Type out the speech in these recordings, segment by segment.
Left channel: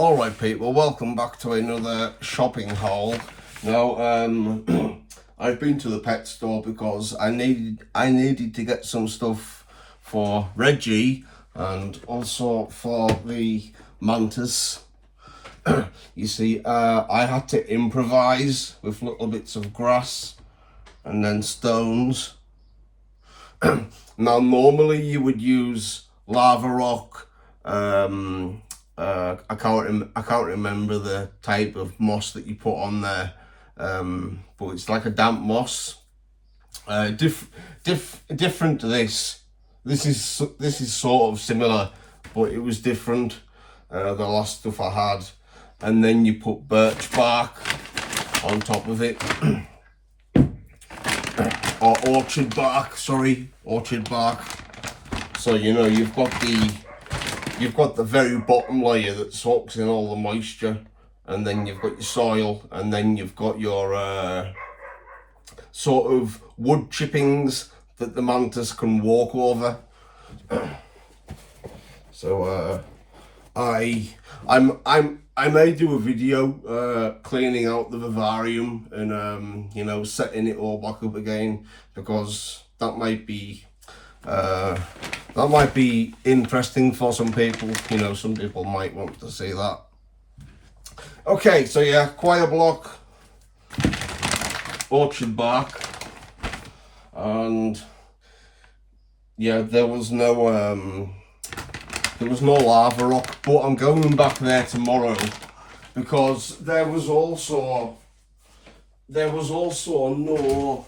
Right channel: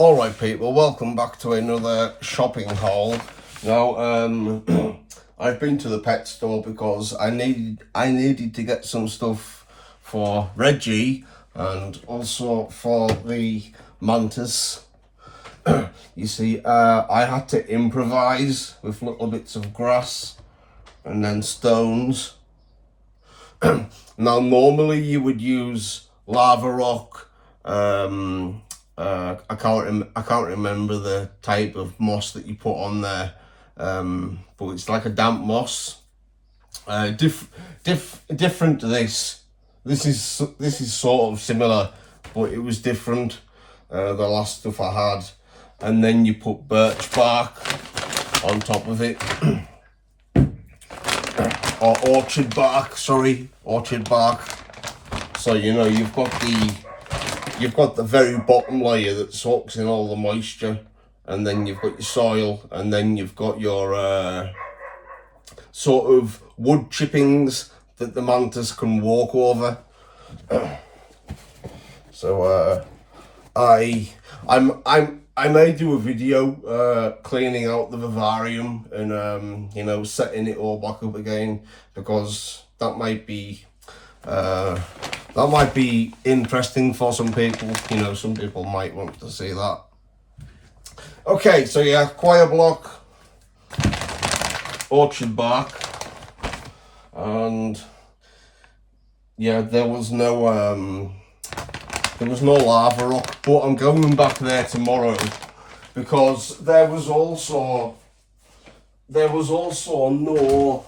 Alright people, welcome back to another shopping haul. Now, I've been to the pet store because I needed to get some stuff for Reggie and also for the mantis. You see, I had to improvise with little bits of grass and then stones. Now, normally you would use lava rock, I can't remember the type of moss that you put on there, but it's like a damp moss. Different to this. This is sort of similar, but it was different. The last stuff I had, and then you put birch bark on top of it, or orchard bark. Sorry, orchard bark. So you know you've got the very bottom layer that soaks in all the moisture, and then you've got your soil, and then you've got your sort of wood chippings that the mantis can walk over. So I may do a video cleaning out the vivarium and you know, setting it all back up again, because that might be interesting for some people. You know, some people might want to see that. Okay, so yeah, coir block, orchard bark, and yeah, there was no lava rock, but I'm going back there tomorrow because there was also no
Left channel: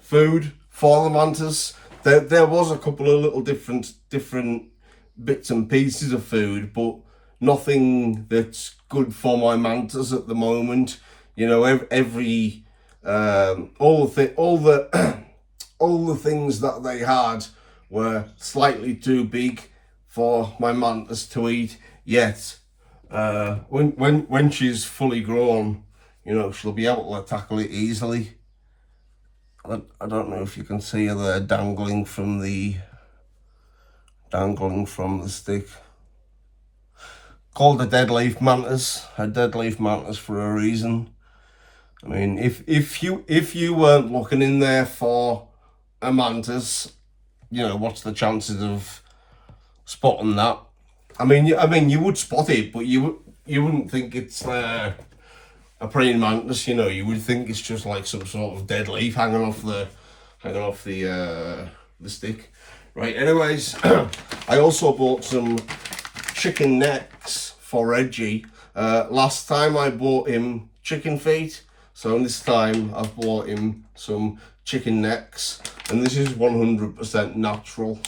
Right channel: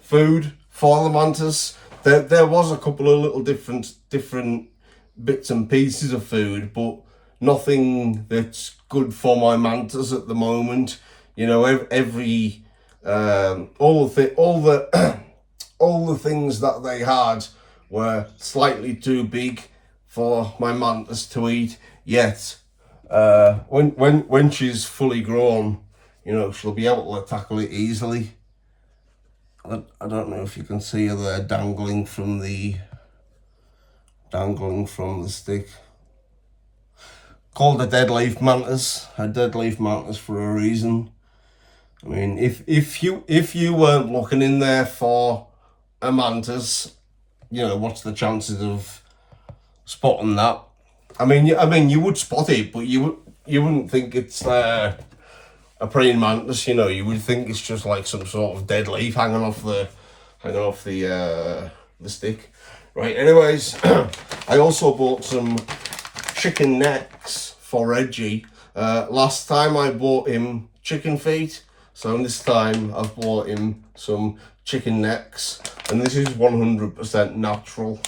food for the mantis. There was a couple of little different bits and pieces of food, but nothing that's good for my mantis at the moment. You know, all the things that they had were slightly too big for my mantis to eat. Yet, when she's fully grown, you know, she'll be able to tackle it easily. I don't know if you can see her there dangling from the stick. Called a deadleaf mantis. A deadleaf mantis for a reason. I mean, if you weren't looking in there for a mantis, you know, what's the chances of spotting that? I mean, you would spot it, but you wouldn't think it's a praying mantis. You know, you would think it's just like some sort of dead leaf hanging off the stick. Right. Anyways, I also bought some chicken necks for Reggie. Last time I bought him chicken feet, so this time I've bought him some chicken necks, and this is 100% natural.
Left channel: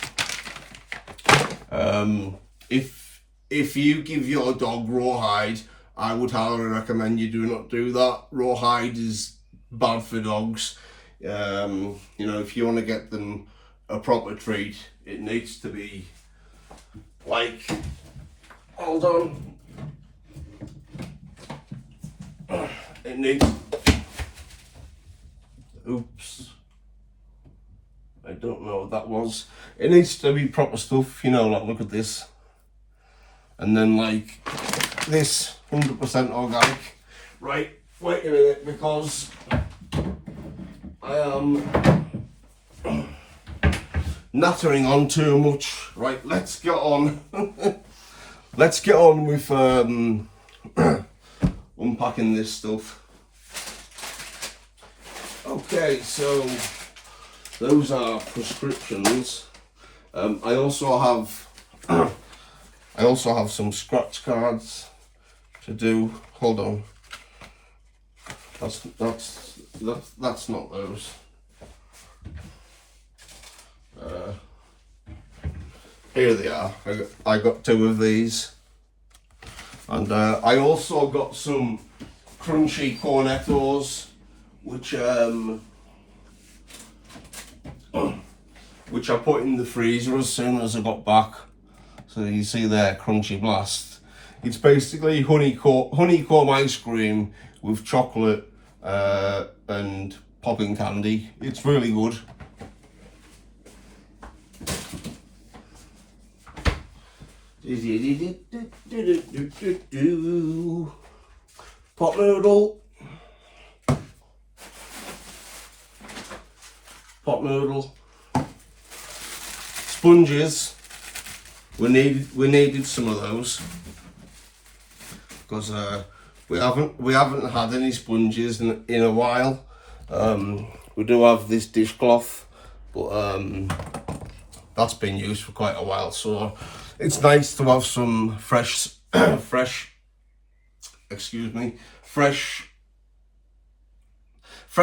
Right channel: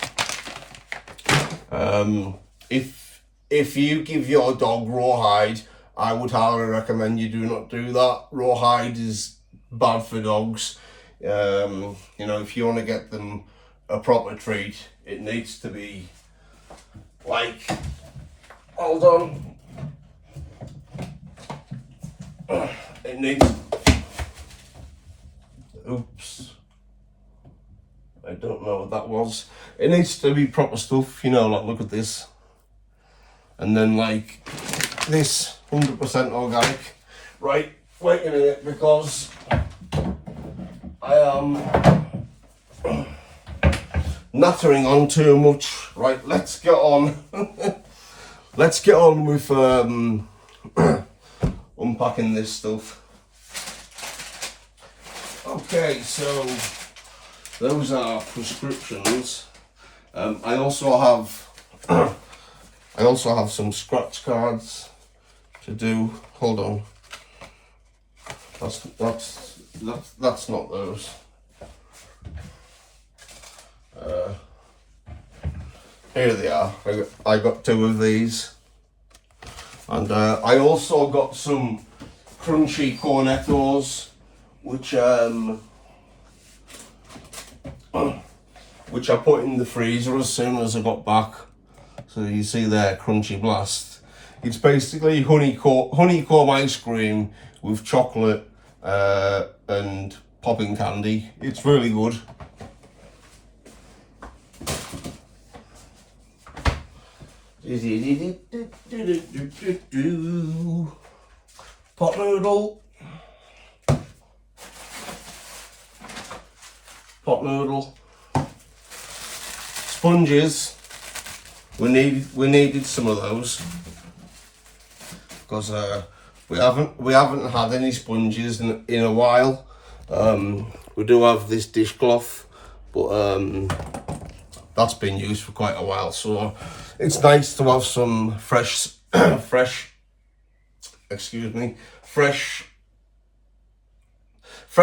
If you give your dog rawhide, I would highly recommend you do not do that. Rawhide is bad for dogs. You know, if you want to get them a proper treat, it needs to be like, hold on, it needs, oops, I don't know what that was. It needs to be proper stuff, you know, like look at this. And then like this, 100% organic. Right, wait a minute, because I am nattering on too much. Right, let's get on. Let's get on with unpacking this stuff. Okay, so those are prescriptions. I also have some scratch cards to do. Hold on. That's not those. Here they are. I got two of these, and I also got some crunchy cornettos, which I put in the freezer as soon as I got back. So you see there, Crunchy Blast. It's basically honeycomb ice cream with chocolate and popping candy. It's really good. Pot noodle. Pot noodle. Sponges. We needed some of those because we haven't had any sponges in a while. We do have this dishcloth, but that's been used for quite a while, so it's nice to have some fresh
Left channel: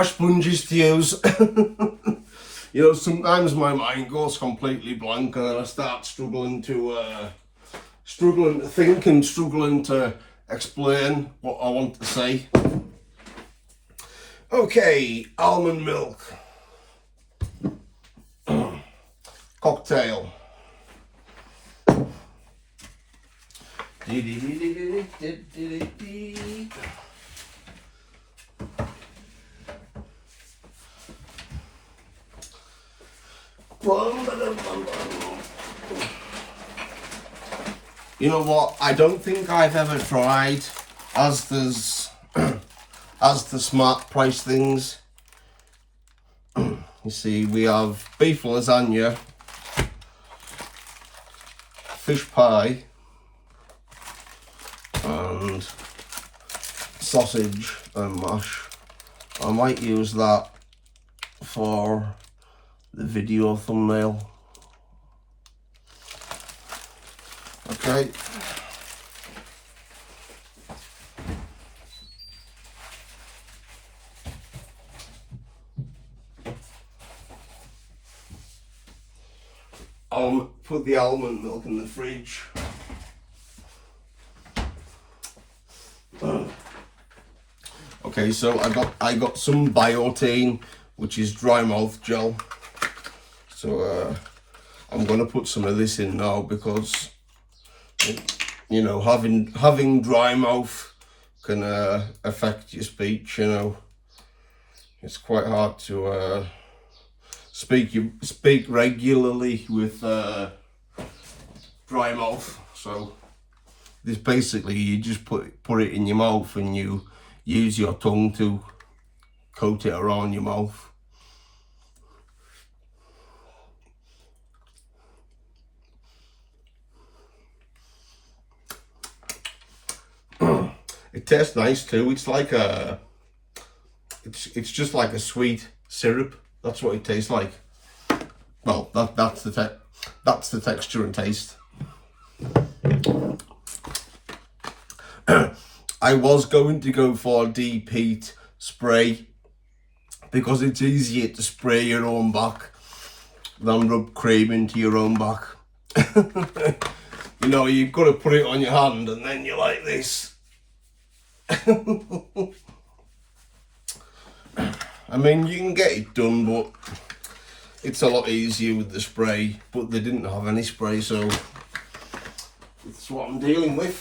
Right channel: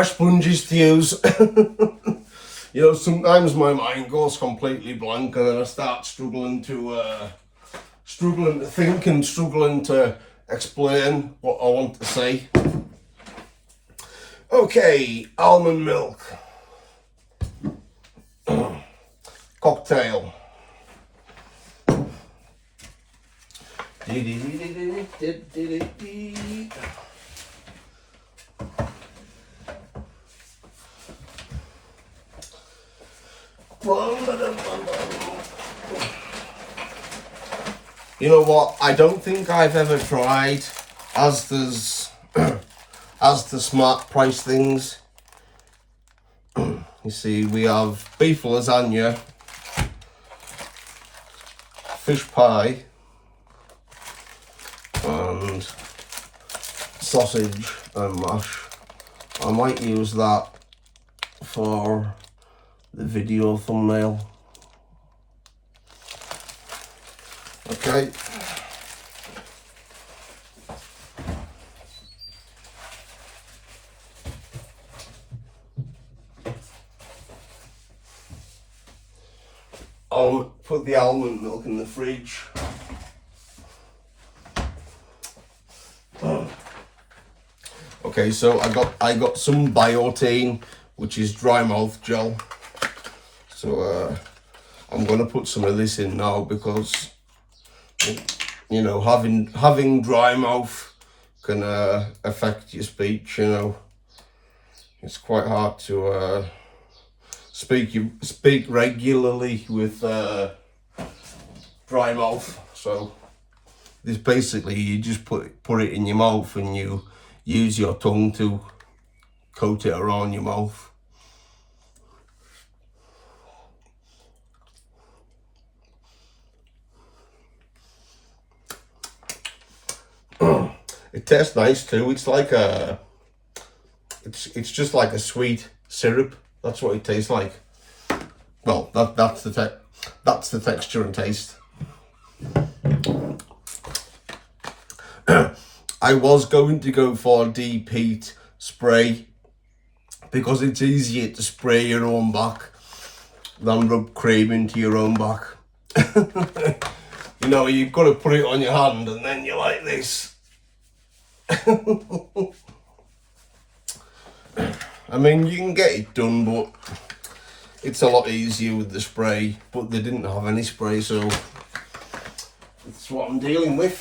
sponges to use. You know, sometimes my mind goes completely blank and then I start struggling to think and struggling to explain what I want to say. Okay, almond milk. Cocktail. You know what? I don't think I've ever tried Asda's Smart Price things. You see, we have beef lasagna, fish pie, and sausage and mash. I might use that for the video thumbnail. Okay. I'll put the almond milk in the fridge. Okay, so I got some Biotane, which is dry mouth gel. So I'm gonna put some of this in now because, you know, having dry mouth can affect your speech. You know, it's quite hard to speak regularly with dry mouth. So this basically, you just put it in your mouth and you use your tongue to coat it around your mouth. It tastes nice too. It's like it's just like a sweet syrup. That's what it tastes like. Well, that's the texture and taste. I was going to go for deep heat spray because it's easier to spray your own back than rub cream into your own back. You know, you've got to put it on your hand and then you're like this. I mean, you can get it done, but it's a lot easier with the spray. But they didn't have any spray, so that's what I'm dealing with.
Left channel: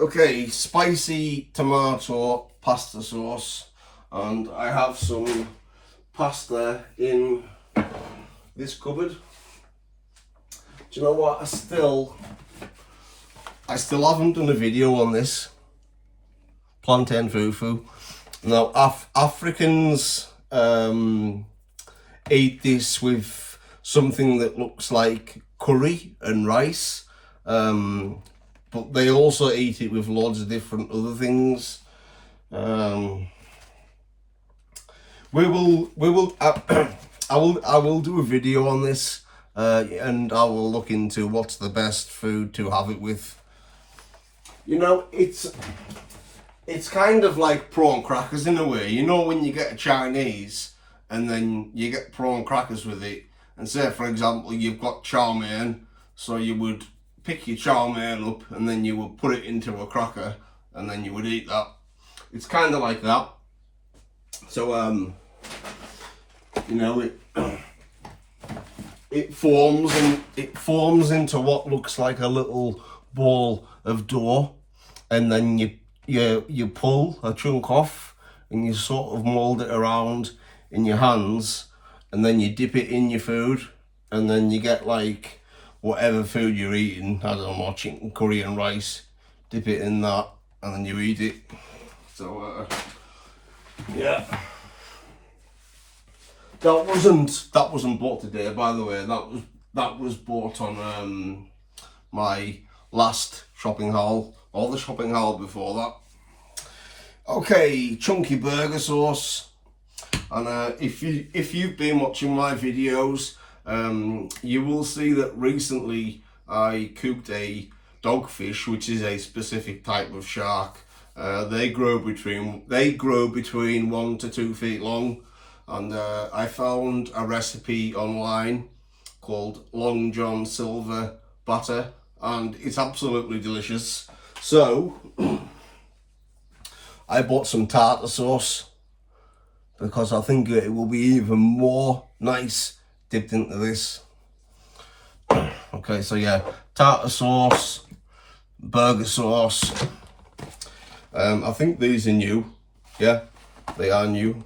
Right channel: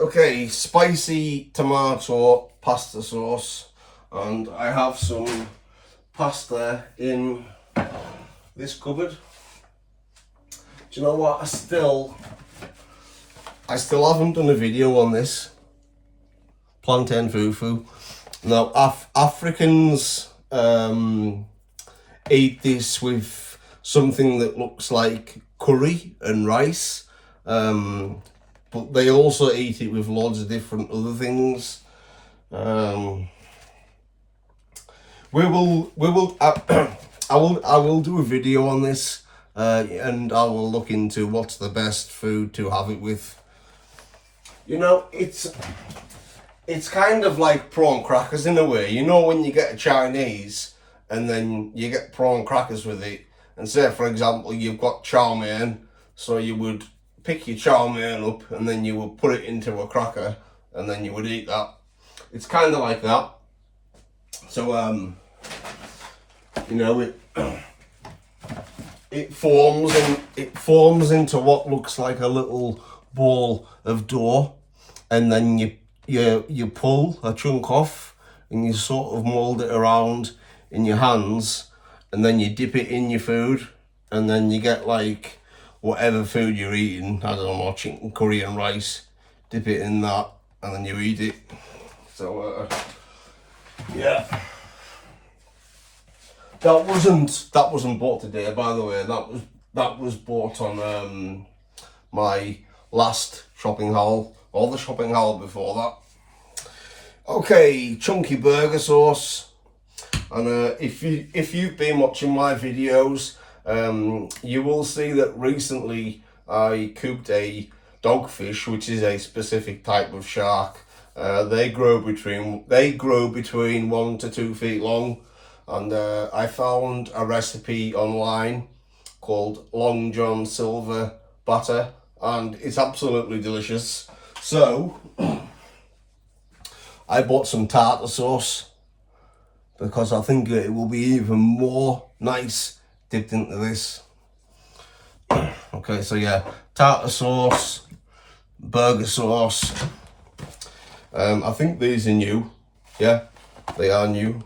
Okay, spicy tomato pasta sauce, and I have some pasta in this cupboard. Do you know what? I still haven't done a video on this plantain fufu. Now, Africans eat this with something that looks like curry and rice, but they also eat it with loads of different other things. I will do a video on this, and I will look into what's the best food to have it with. You know, it's kind of like prawn crackers in a way. You know, when you get a Chinese and then you get prawn crackers with it, and say, for example, you've got chow mein, so you would pick your chow mein up and then you would put it into a cracker and then you would eat that. It's kind of like that. So, you know, it forms into what looks like a little ball of dough, and then you pull a chunk off and you sort of mold it around in your hands, and then you dip it in your food, and then you get like whatever food you're eating. I don't know, chicken curry and rice, dip it in that and then you eat it. So yeah, that wasn't bought today, by the way. That was bought on my last shopping haul, or the shopping haul before that. Okay, chunky burger sauce. And if you've been watching my videos, you will see that recently I cooked a dogfish, which is a specific type of shark. They grow between 1 to 2 feet long, and I found a recipe online called Long John Silver batter, and it's absolutely delicious. So I bought some tartar sauce because I think it will be even more nice dipped into this. Okay, so yeah, tartar sauce, burger sauce. I think these are new. Yeah, they are new.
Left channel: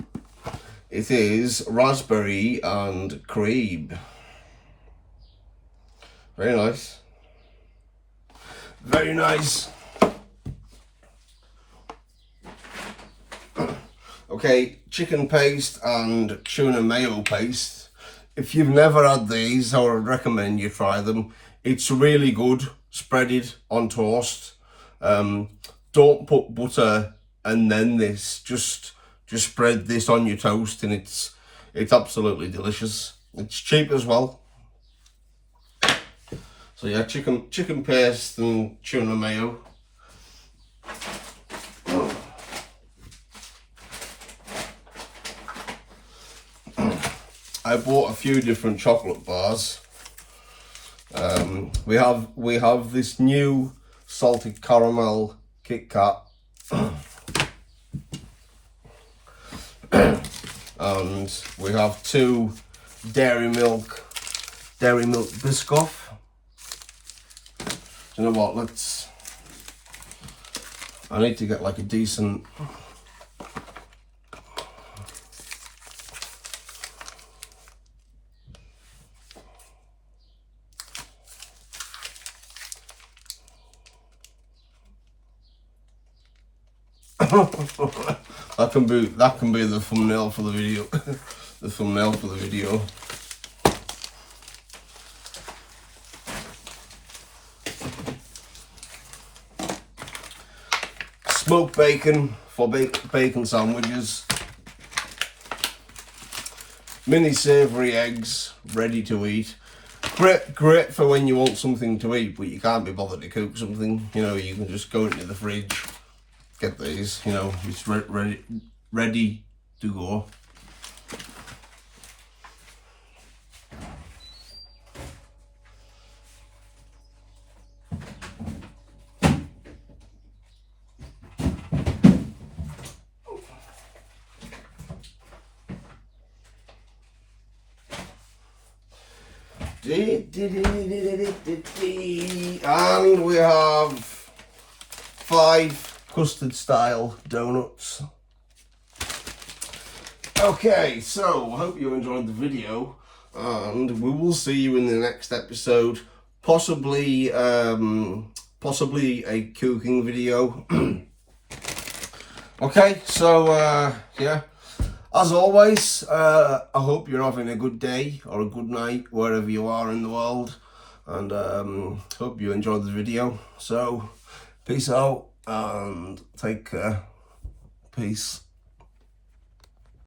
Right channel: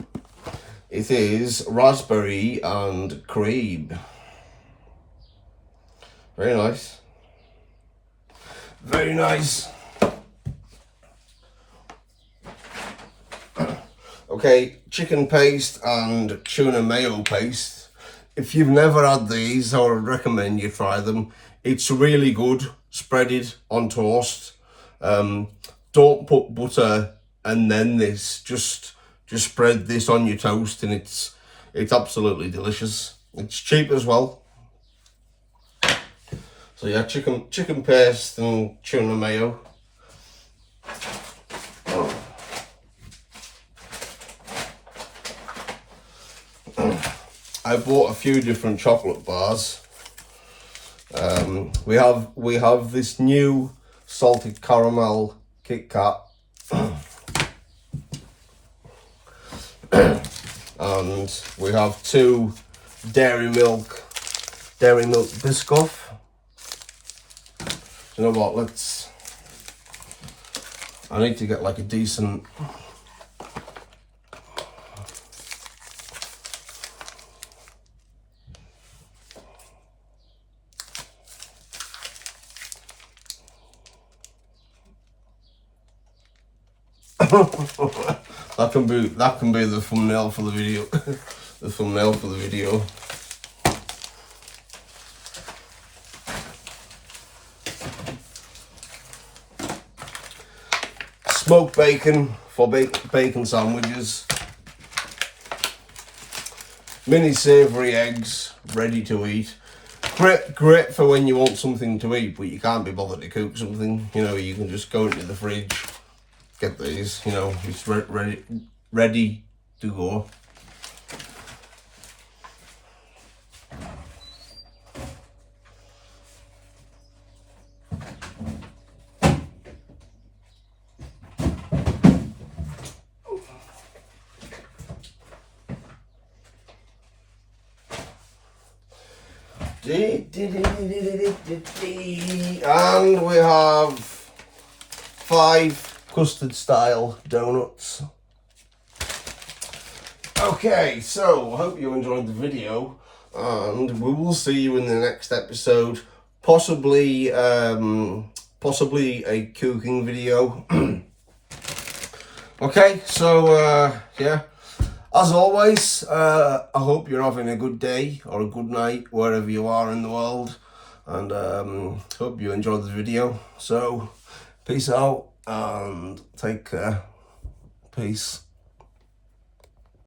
It is raspberry and cream. Very nice. Very nice. Okay, chicken paste and tuna mayo paste. If you've never had these, I would recommend you try them. It's really good. Spread it on toast. Don't put butter and then this. Just spread this on your toast, and it's absolutely delicious. It's cheap as well. So yeah, chicken paste and tuna mayo. I bought a few different chocolate bars. We have this new salted caramel Kit Kat, and we have 2 dairy milk Biscoff. You know what? I need to get like a decent. that can be the thumbnail for the video. The thumbnail for the video. Smoked bacon for bacon sandwiches. Mini savoury eggs, ready to eat. Great for when you want something to eat, but you can't be bothered to cook something. You know, you can just go into the fridge, get these. You know, it's ready to go. And we have 5 custard style donuts. Okay, so I hope you enjoyed the video, and we will see you in the next episode. Possibly a cooking video. Okay, so yeah. As always, I hope you're having a good day or a good night wherever you are in the world, and hope you enjoyed the video. So, peace out and take care. Peace.